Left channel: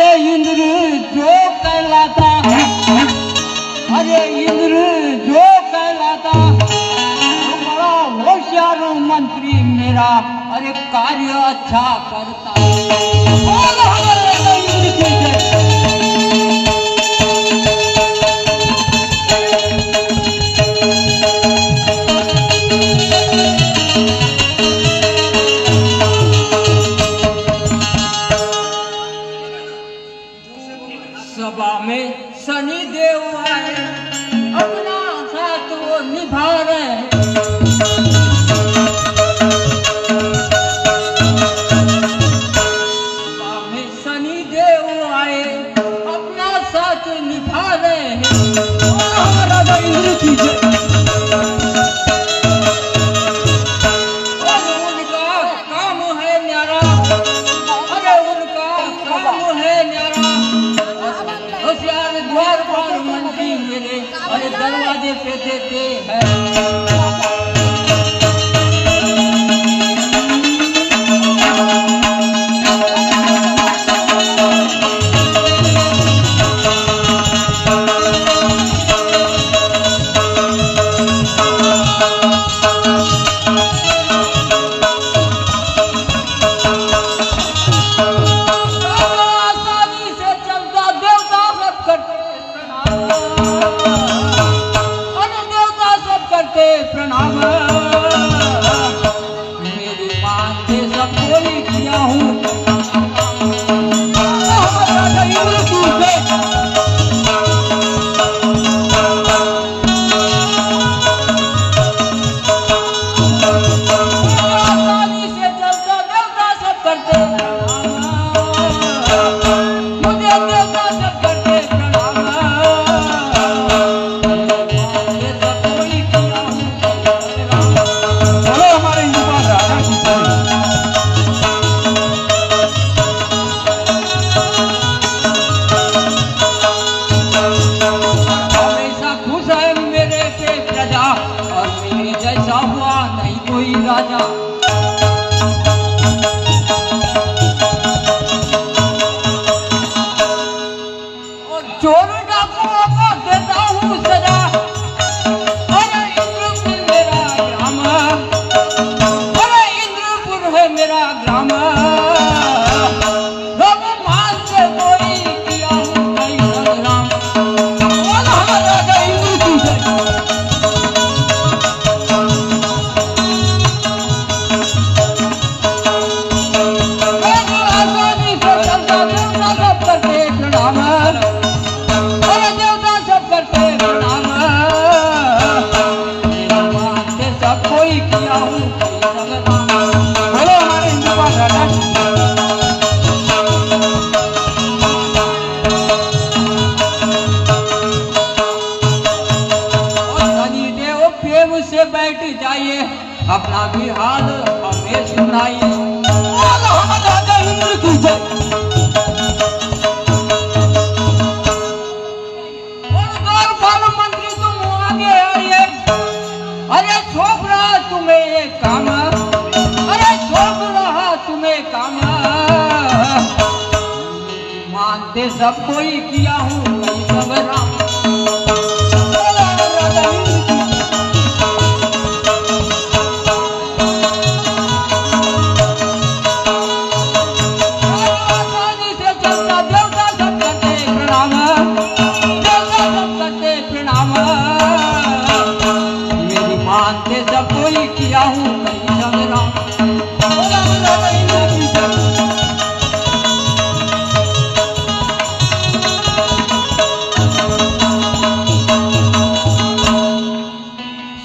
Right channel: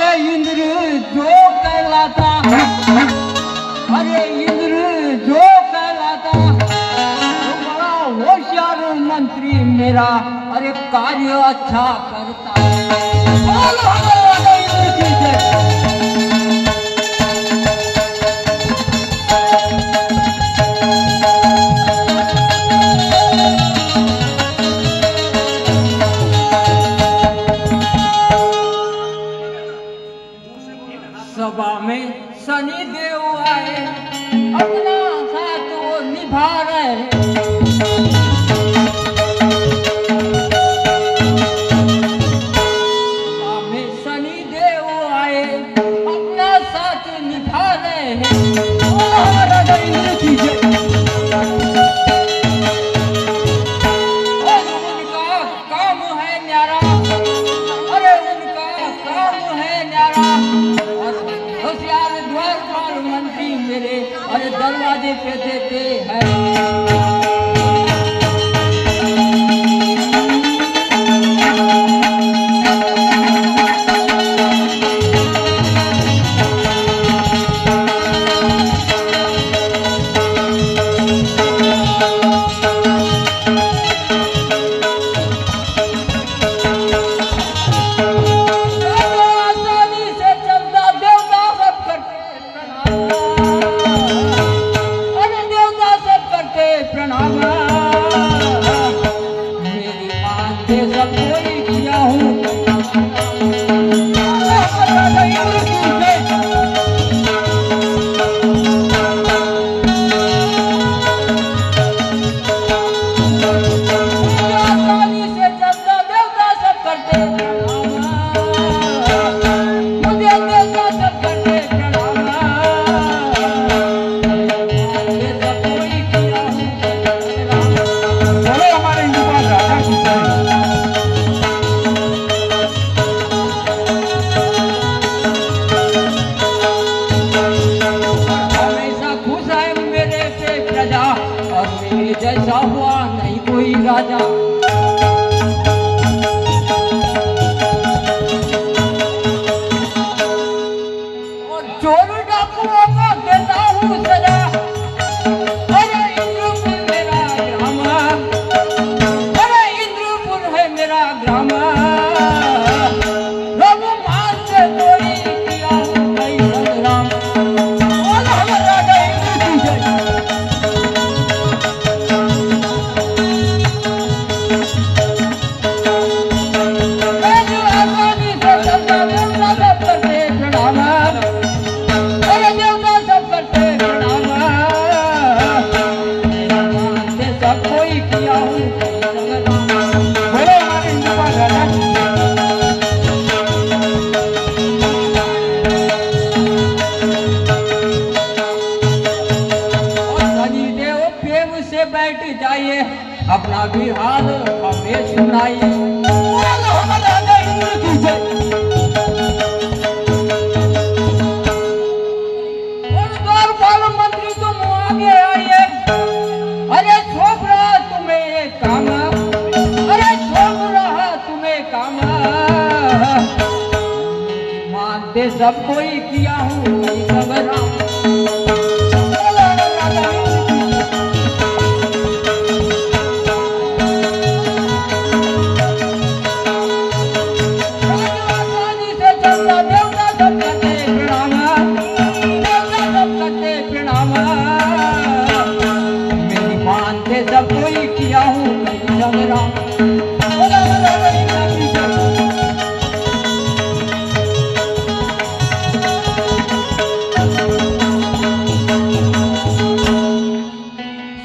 अरे इंद्र जो कहलाता, अरे इंद्र जो कहलाता तो बड़ा होशियार मंत्री मेरा, अरे कार्य अच्छा करता। इंद्र की जय। सभा में शनि देव आए, अपना साथ वो निभा रहे। सभा में शनि देव आए, अपना साथ निभा रहे। राजा इंद्र की जय। और उनका काम है न्यारा, अरे उनका काम है न्यारा। होशियार द्वारपाल मंत्री मेरे, अरे दरवाजे पे देते हैं। अपना भी हाल हमें सुनाई। मंत्री तुम आगे आइए, अरे सौंप रहा तुम्हें ये काम, अरे सौंप रहा तुम्हें काम। मानते सब कोई किया हूँ सबरा। सब कोई किया हूँ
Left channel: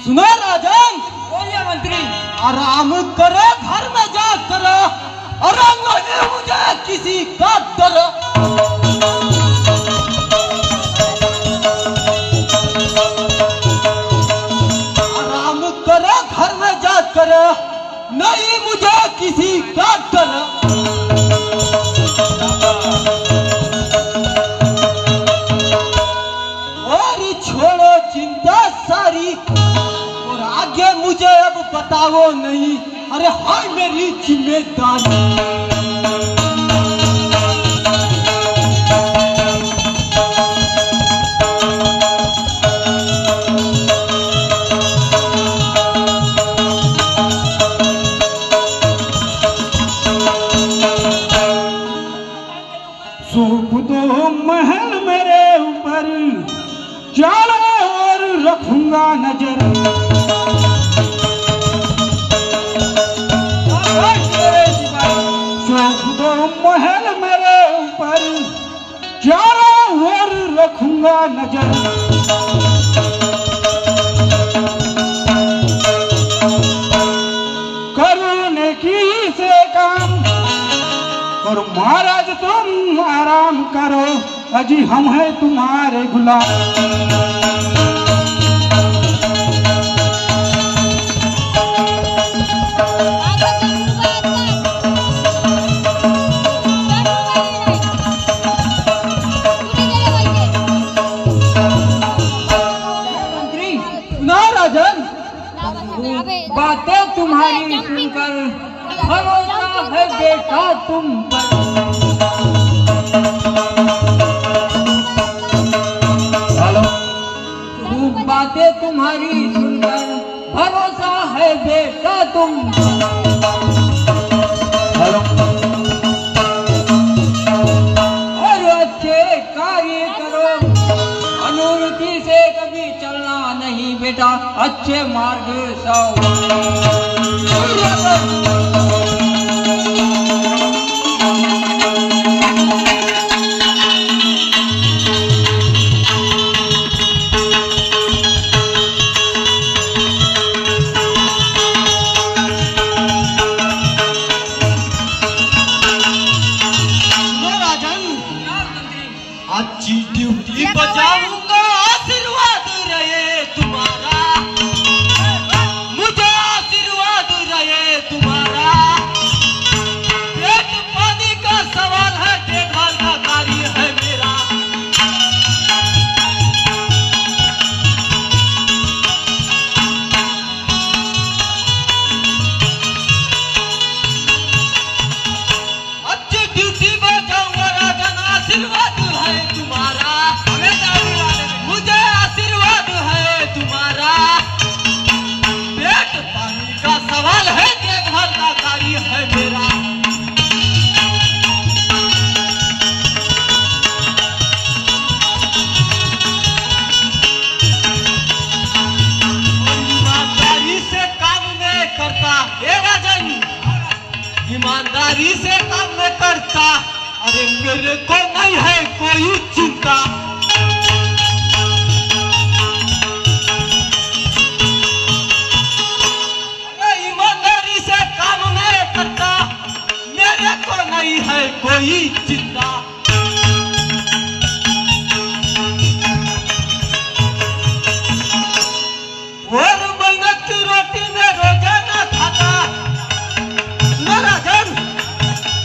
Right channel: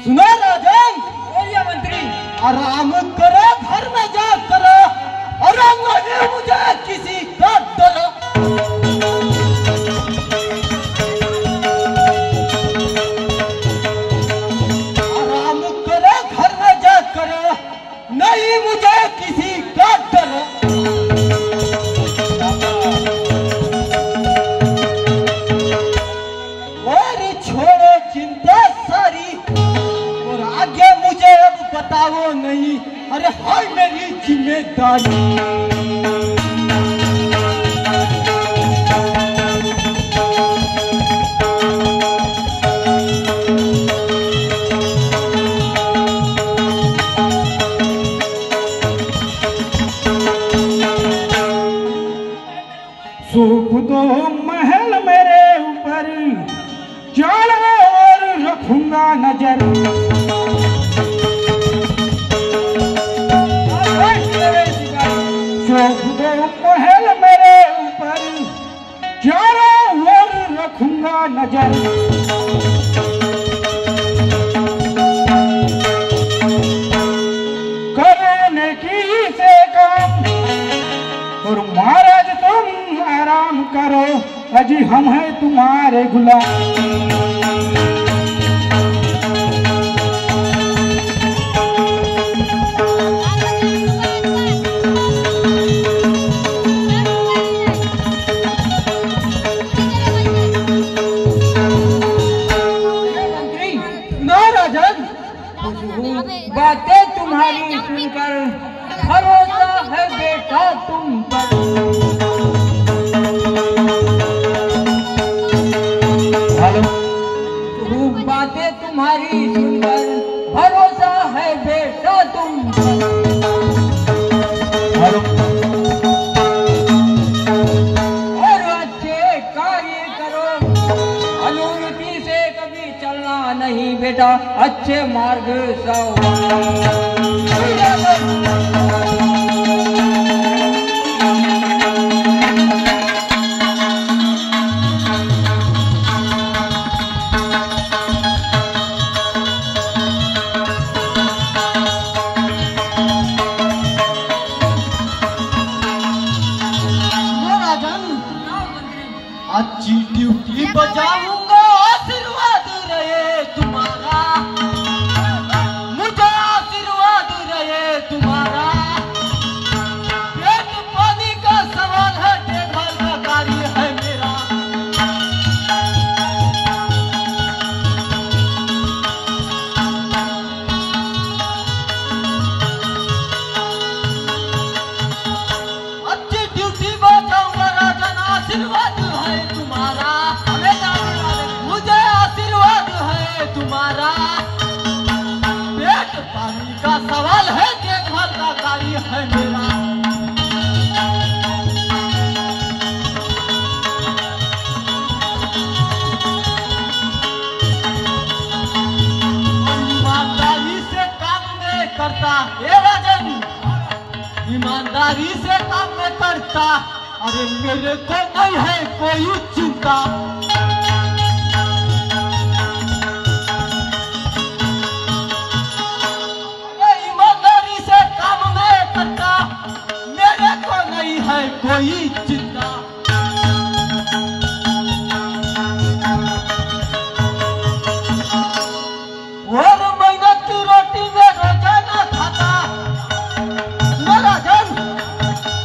सुनो राजन, बोलिए मंत्री। आराम करे घर में जा कर, अरे मुझे किसी का डर। नहीं मुझे किसी का डर। और छोड़ो चिंता सारी, और आगे मुझे अब बताओ नहीं, अरे हाय मेरी जिम्मेदारी। हम हैं तुम्हारे गुलाम। बातें तुम्हारी सुनकर भरोसा है बेटा तुम पर। बातें तुम्हारी सुनकर भरोसा है बेटा तुम पर। और अच्छे कार्य करो, अनुमति से कभी चलना नहीं बेटा, अच्छे मार्ग से। अच्छी ड्यूटी बजाऊंगा, आशीर्वाद रहे तुम्हारा, मुझे आशीर्वाद रहे तुम्हारा। पेट पानी का सवाल है, देखभाल का कार्य है मेरा। अच्छी ड्यूटी बजाऊंगा राजन, आशीर्वाद मुझे आशीर्वाद है तुम्हारा। पेट पानी का सवाल है, देखभाल का कार्य है मेरा। ईमानदारी से काम में करता ये राजन, ईमानदारी से काम में करता। अरे मेरे को नहीं है कोई चिंता। ईमानदारी से काम में करता, मेरे को नहीं है कोई चिंता। और मेहनत की रोटी में रोजाना खाता राजन,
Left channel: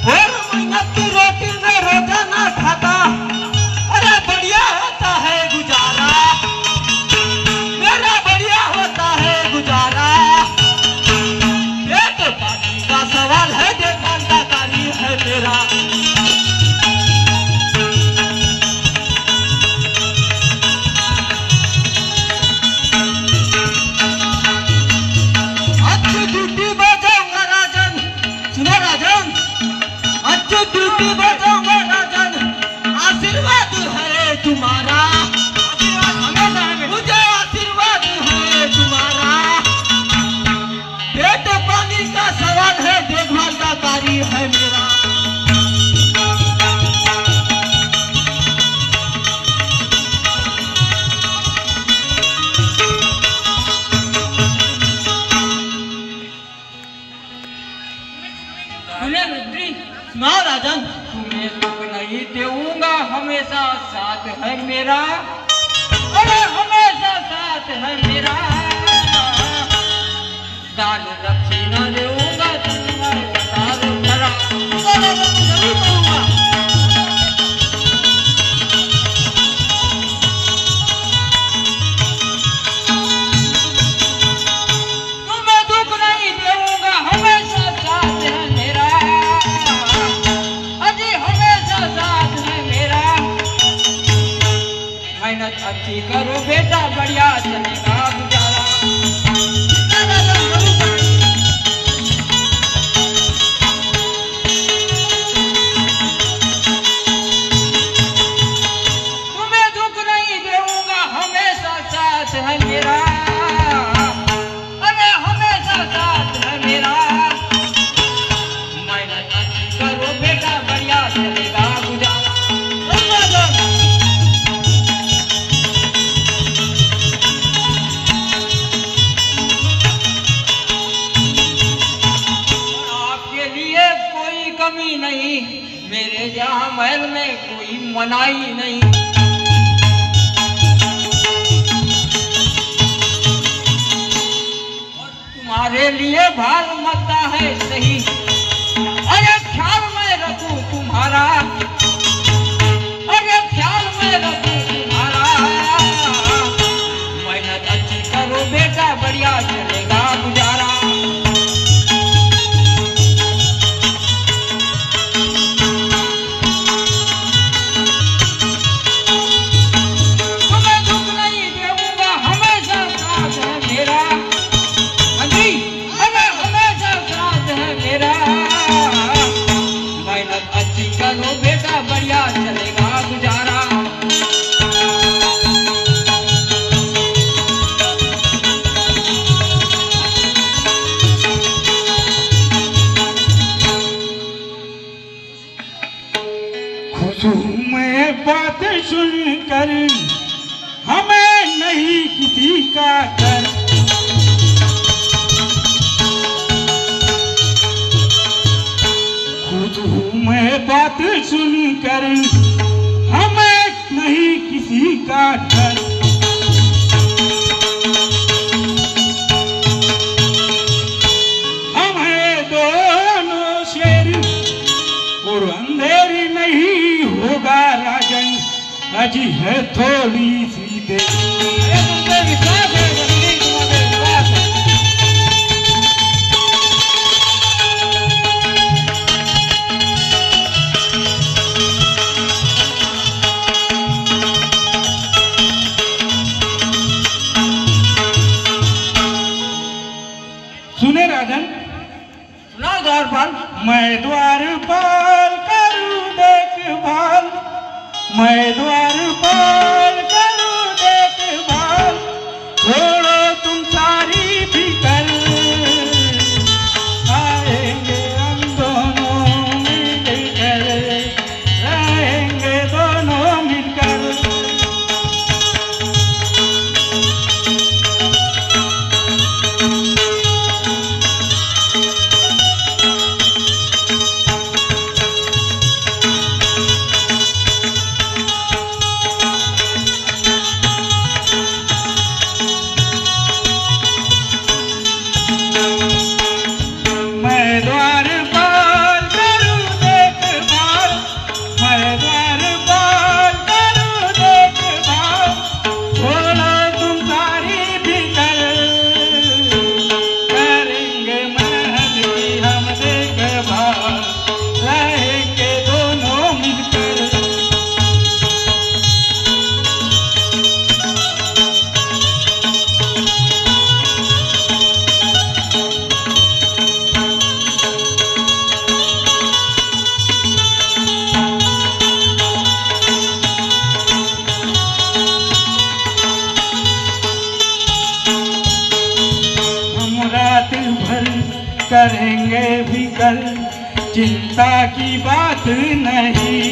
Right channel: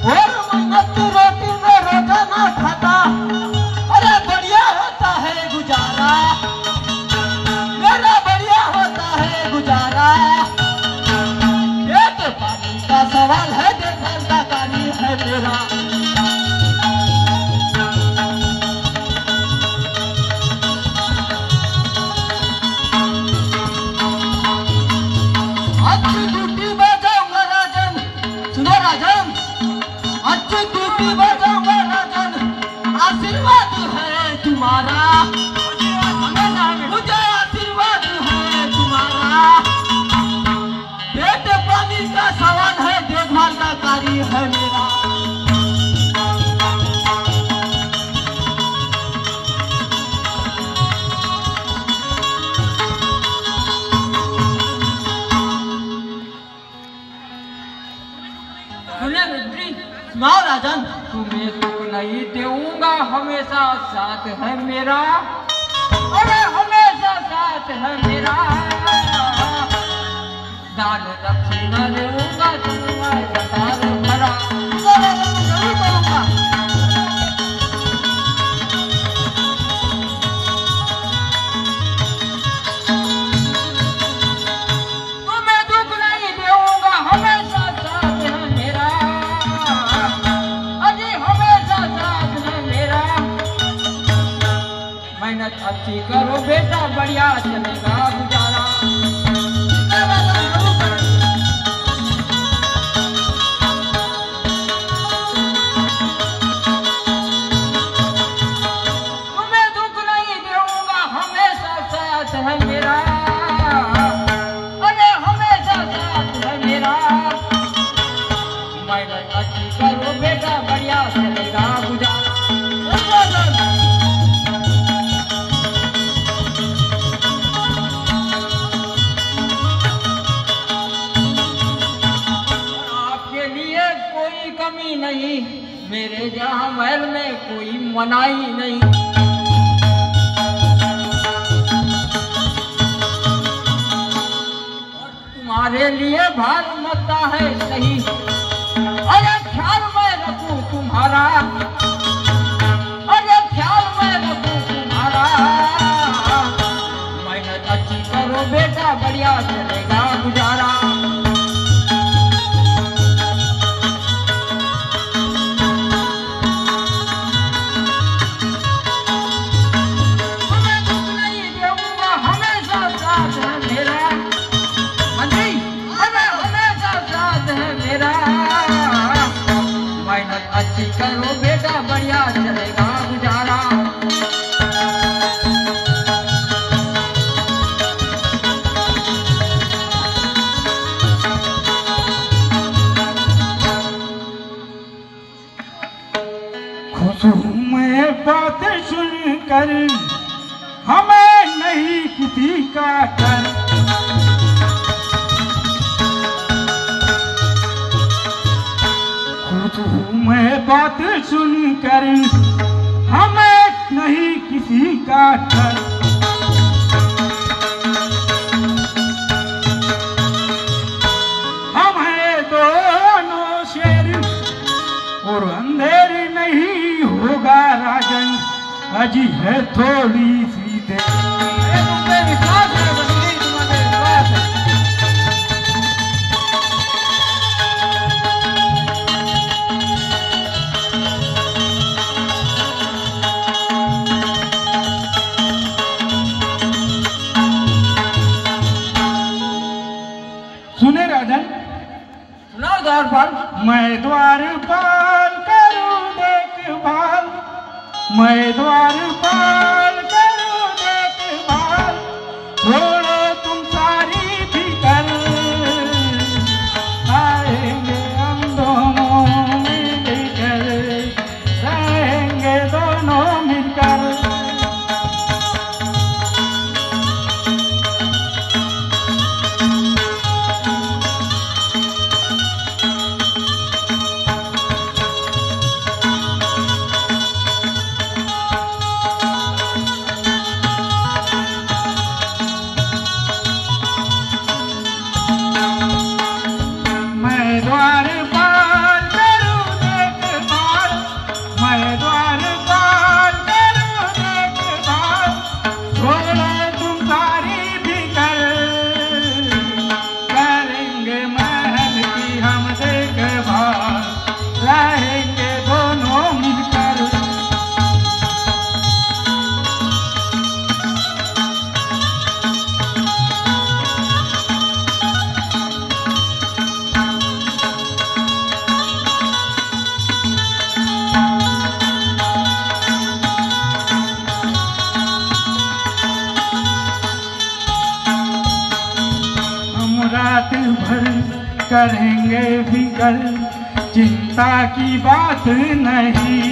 और मेहनत की रोटी में रोजाना खाता। अरे बढ़िया होता है गुजारा, मेरा बढ़िया होता है गुजारा। पेट पानी का सवाल है, देखभाल का कार्य है मेरा। अच्छी ड्यूटी बजाऊंगा राजन, सुनो राजन, अच्छी ड्यूटी बजाऊंगा राजन, आशीर्वाद है तुम्हारा। मुझे आशीर्वाद है तुम्हारा। पेट पानी का सवाल है, देखभाल का कार्य है मेरा। सुनाओ राजन। तुम्हें दुख नहीं देऊंगा, हमेशा साथ है मेरा। अरे हमेशा साथ है मेरा। दान दक्षिणा देऊंगा, तुम्हारे कतार भरा। तुम्हें दुख नहीं देऊंगा, हमेशा साथ है मेरा। अजी हमेशा साथ है मेरा। मेहनत अच्छी करो बेटा, बढ़िया चलेगा गुजारा। तुम्हें दुख नहीं देऊंगा, हमेशा साथ है मेरा। अरे हमेशा साथ है मेरा। मेहनत अच्छी करो बेटा, बढ़िया चलेगा गुजारा। कमी नहीं, मेरे जहाँ महल में कोई मनाही नहीं। तुम्हारे लिए भार मरता है सही, अरे ख्याल मैं रखूं तुम्हारा, अरे ख्याल मैं रखूं तुम्हारा। मेहनत अच्छी करो बेटा, बढ़िया चलेगा गुजारा। करो बेटा, बढ़िया चलेगा गुजारा। खुश हूँ मैं बात सुनकर, हमें नहीं किसी का डर। खुश हूँ मैं बात सुनकर, हमें नहीं किसी का डर। हमें दोनों शेर और अंधेरी नहीं होगा राजन, अजी है थोड़ी सी देर। सुने राजन, सुना द्वारपाल। मैं द्वारपाल करूं देखभाल, मैं द्वारपाल करूं देखभाल, छोड़ो तुम सारी फिकर, आएंगे हम दोनों मिलकर, रहेंगे दोनों मिलकर। द्वारपाल करूं देखभाल, मैं द्वारपाल करूं देखभाल, छोड़ो तुम सारी फिकर, करेंगे महल की हम देखभाल, रहेंगे दोनों मिलकर। रात भर करेंगे फिकर, चिंता की बात नहीं।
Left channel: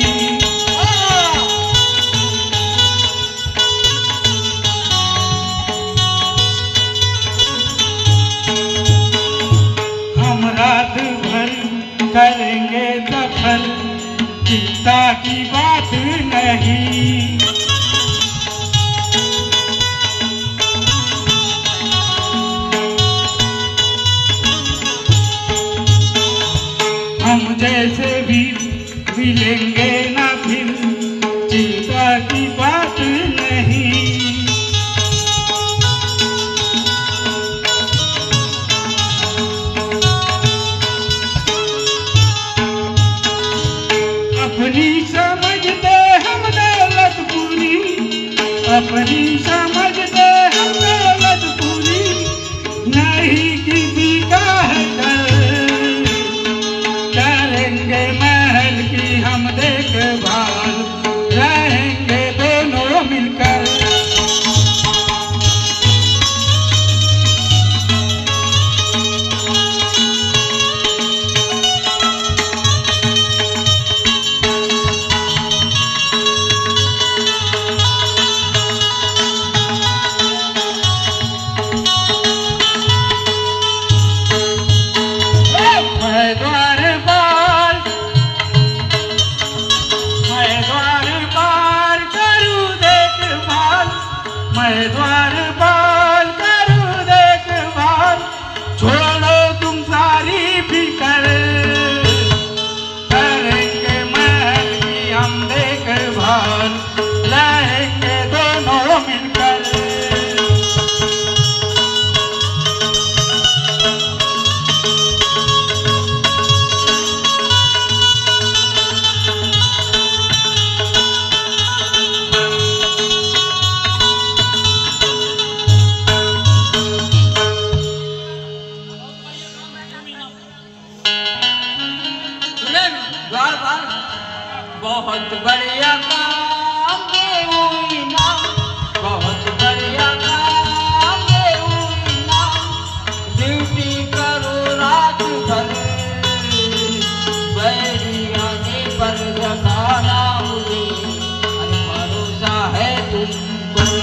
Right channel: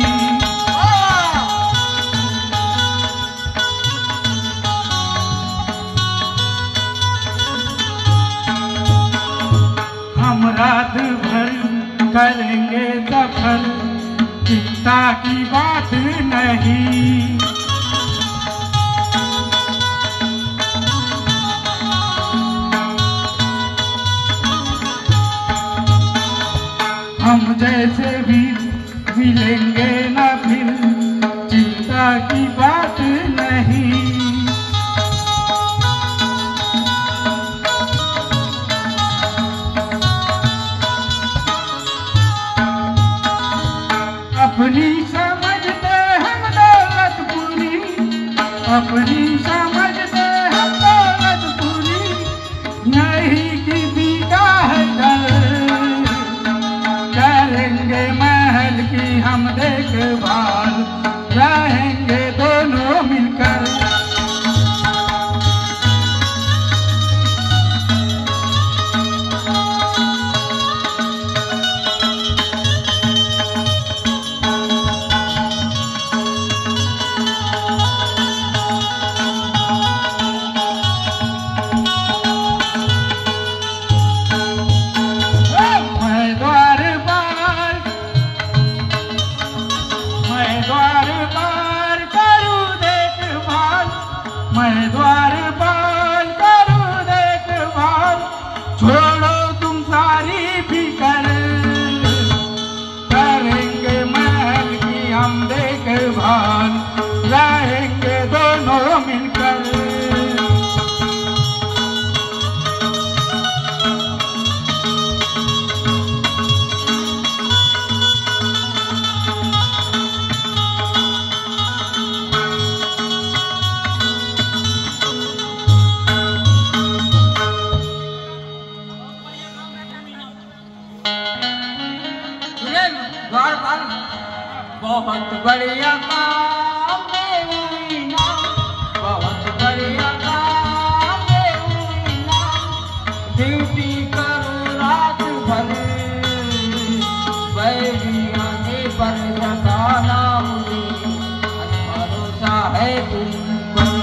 हम रात भर करेंगे दफन, चिंता की बात नहीं। हम जैसे भी मिलेंगे न फिर, चिंता की बात नहीं। अपनी समझते हम दौलतपुर बढ़िया काम देवई नाम, बहुत बढ़िया काम देवई नाम। ड्यूटी करो रात भर, बैरी आने पर जगाना मुझे, भरोसा है तुम पर।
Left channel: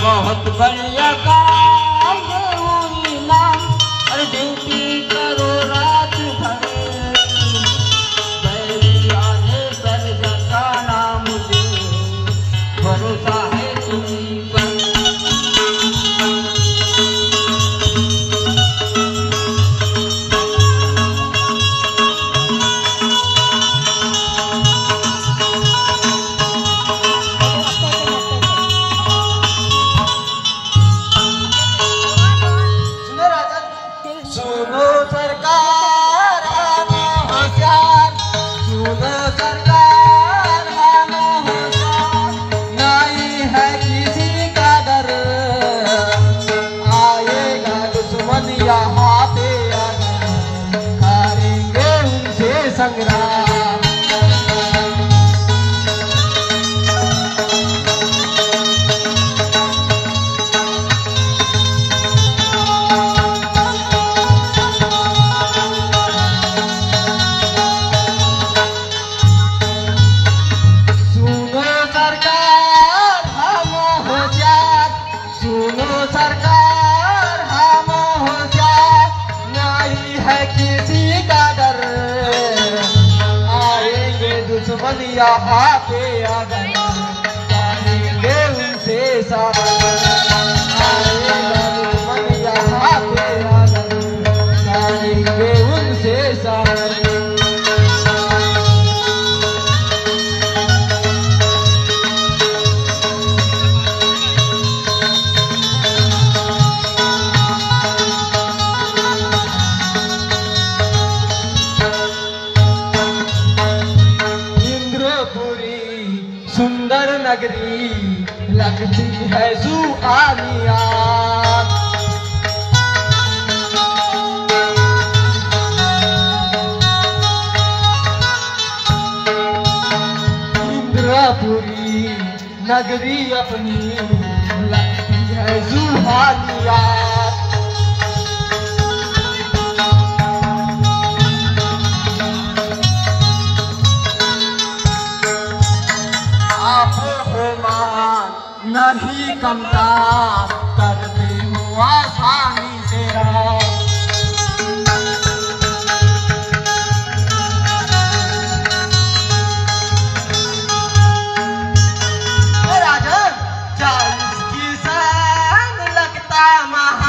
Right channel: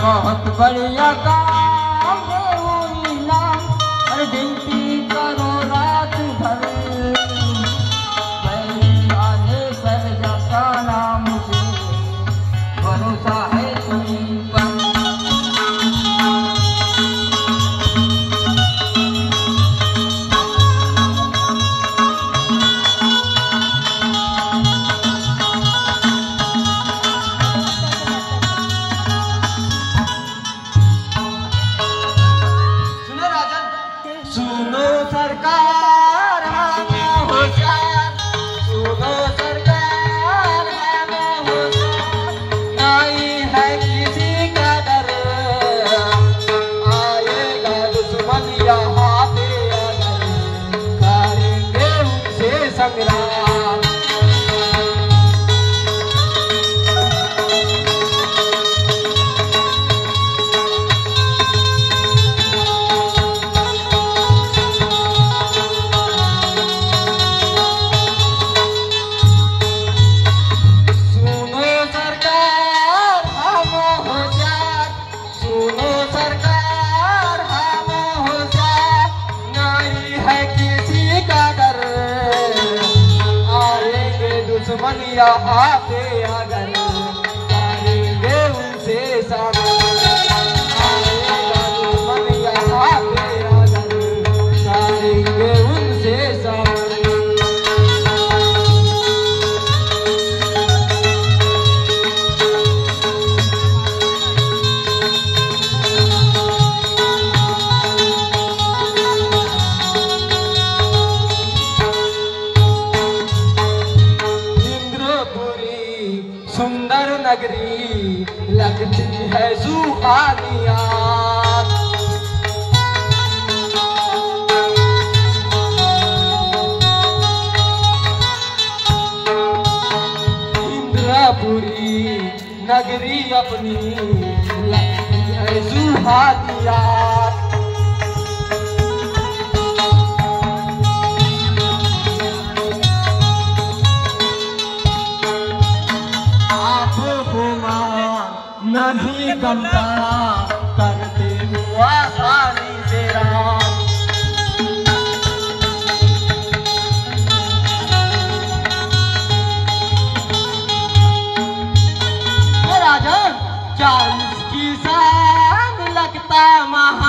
बहुत बढ़िया काम देवई नाम, अरे ड्यूटी करो रात भर, बैरी आने पर जगाना मुझे, भरोसा है तुम पर। सुनो सरकार हम होशियार, सुनो सरकार हम होशियार, नहीं है किसी का डर, आएगा दुश्मन यहाँ पे अगर, करेंगे उनसे संग्राम। यहाँ पे अगर, करेंगे उनसे सामना, यहाँ पे अगर, करेंगे उनसे सामना। सुंदर नगरी लगती है सुहानिया, इंद्रपुरी नगरी अपनी लगती है सुहानिया। नहीं कमता करते हो आसानी से राम, राजन 40 की शान लगता महा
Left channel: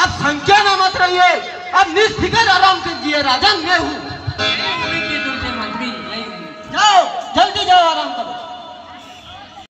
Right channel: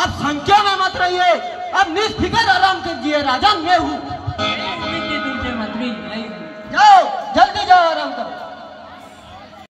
आप संख्या में मत रहिए, अब निष्फिकर आराम कीजिए। राजा मैं हूँ। मंत्री नहीं हूँ। जाओ, जल्दी जाओ, आराम करो।